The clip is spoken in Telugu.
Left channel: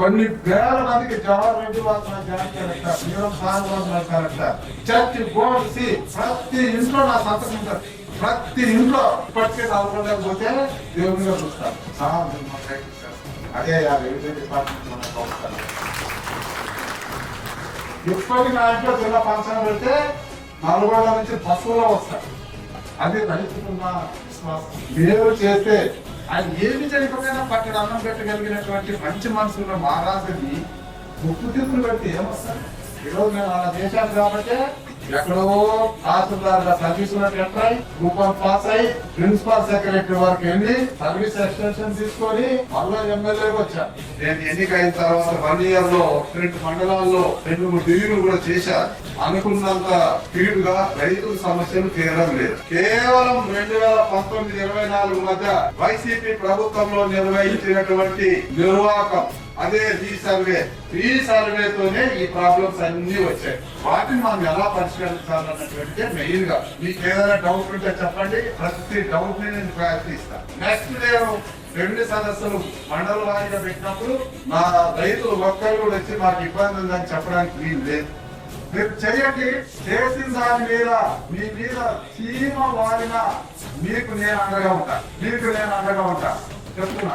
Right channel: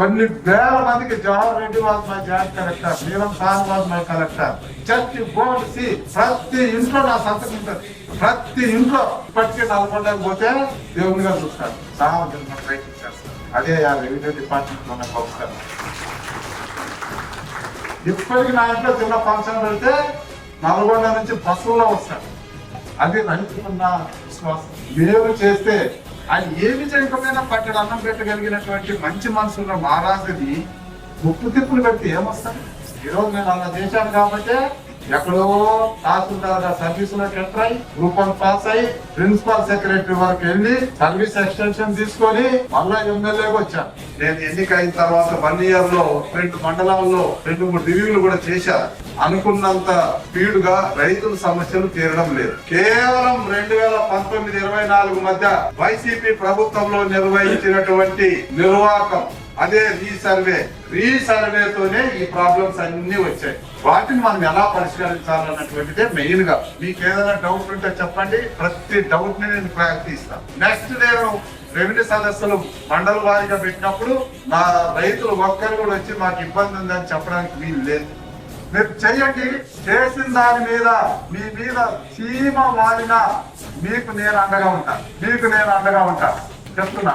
కొన్ని వేల మందికి Jawahar Reddy was my joint collector, Neelam sir was my collector, church board సి ప్రతి ఇంట్లో నా సంతకం ఉంటుంది. ప్రతి ఇంట్లో ఇప్పటికే నల్గొండకు పోతే దేవుని గారు చూస్తారు, సామాజిక రైట్ ఇచ్చారు. అదే ఆ రెవెన్యూ డిపార్ట్మెంట్ లో నాకు అవసరం. ఇప్పటికి నా ఇంట్లో చిన్న ఫంక్షన్ పెడితే నల్గొండ నుంచి బస్సుల్లో వస్తారు. అది రైతుకున్న విశ్వాసం. మీరు చేస్తే ఆయన ఏమి చేయకపోయినా పట్టడు అన్నం పెట్టగలిగినటువంటి మంచి మనసున్న మహారాజుని ముప్పు తిప్పులు పెట్టి ఏమొస్తాను. ఈరోజు నేను అలా చేశాను కాబట్టి ఎక్కడో తహసీల్దార్ సర్వీస్ ఉన్నట్టు గ్రూప్ 1 పాస్ అయ్యి ప్రిన్సిపల్ సెక్రటరీ వరకు వెళ్ళి సర్వీస్ ఎక్స్టెన్షన్ తీసుకొని మళ్ళా ఎమ్మెల్యేగా వచ్చాను. నేను ఎన్నికైన తర్వాత 1 year లో 2 మండలాల్లో 2-3 డివిజన్లు కూడా చేశాను. అనుకున్నంత స్పీడ్ గా రైతుల సమస్యలు తీరడం లేదు. కేవలం 2019-24 మధ్య వైసీపీ ప్రభుత్వంలో నిర్వహించినటువంటి నిర్వాహకం అదే రీసర్వేతోనే ఈ ప్రాబ్లమ్స్ అన్ని వచ్చాయి. వాటిని మనం ఎలా పరిష్కరించాలన్నటువంటిదే మెయిన్ గా. మీకు ఏదైనా డౌట్ ఉంటే చెప్పండి, ప్రతి డౌట్ ని నేను క్లారిటీ ఇస్తాను. నెక్స్ట్ నేను రెవెన్యూ సదస్సులు మండల వారీగా పెట్టినప్పుడు నా రైతులు ఒక్కరు కూడా వచ్చి మాకు ఇబ్బంది ఉందని చెప్పడానికి వీలు లేదు. మీరు చెయ్యండి, చేసిన దాని మీద మీ మీద చీమ వారినా మీకు నేను అండగా ఉంటాను చెప్తున్నా.